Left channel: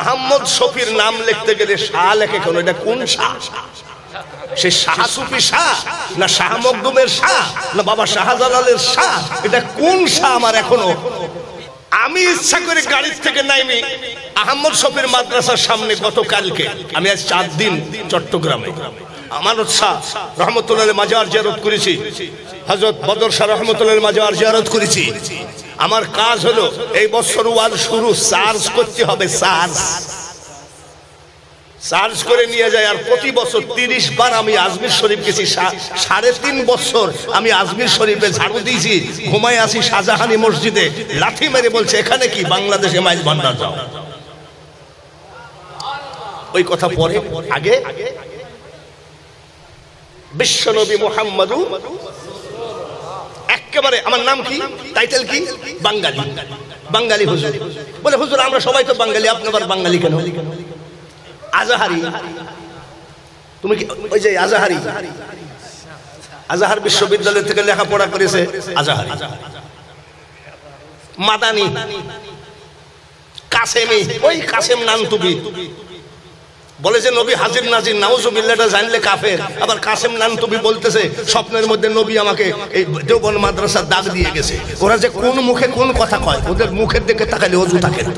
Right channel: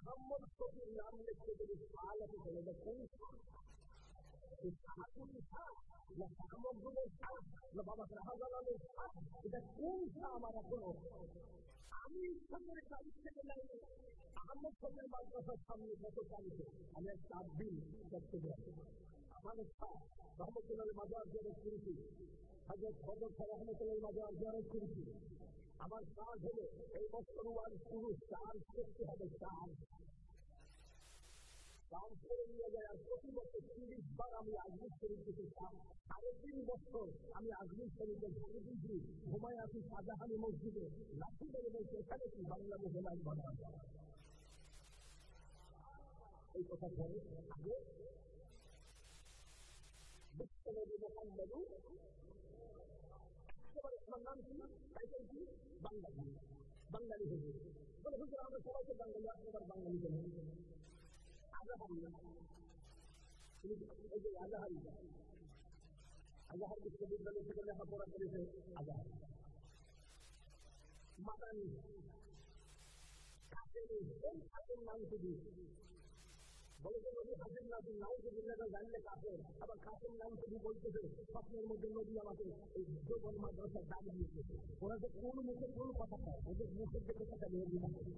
আহমদ শফির নাম লিখতে গেলে শাহ লেখে কেন? এটা কোন শাহ? সে শাহ সুফি শাহ না শাহ মখদুমের শাহ না বাবা শাহজালালের শাহ? এটা কোন শাহ? আমার এখনো আমি ইচ্ছা করে গাড়ি থেকে নাইমি আহমদ শফির মাদ্রাসার সামনে গতকালকে আমি আজ 4 দিন চট্টগ্রামে আমানত শাহ রহমতুল্লাহ মাজার জিয়ারত করেছি, হযরত বদর শাহ রহমতুল্লাহ মাজার জিয়ারত করেছি। আমার কাজ হলো এই বছর ওয়াজ শুরু চার্জ করতে হবে, চার্জ করে নিয়ে যায়। আর প্রতি বছর 30 বার আমি আজমির শরীফ গেছি, 3.5 বছর আমি আজমির শরীফে ঝাড়ু দিয়েছি। ঘুমায় আসি শাহজাহানি মসজিদে, লাথি মেরে বলছে এখানে কি বাংলাদেশে মাইজ ভান্ডার যাও। ওই কথা পরে, আগে বিশ্বনবী মুহাম্মদ একেবারে আমার নাম কি, টাইটেল কি? বাঙালি। বাঙালি হুজুর বলে, হুজুর আমরা সবাই তো বাঙালি, আপনি আবার বাঙালি কেন? আজাহারি। তুমি কি ওই যে আজাহারি? আজাহার বিশ্ববিদ্যালয় থেকে লেখাপড়া করেছে আজাহারি। মাদানি, কাসেমি, ওই কাসেম নানতুবি বলে যে নবী হাজির নাজির, নাউজুবিল্লাহটা জানলে কাফের। আবার কাসেম নানতুবি বলতেছে স্বপ্নের মধ্যে নবী আমাকে এই দেওবন্দ মাদ্রাসার দাগ দিয়ে গেছে। ওরা যে কোন মুখে কোন কথা কয়, ওদের মুখের দিকে তাকালে অজু থাকে না।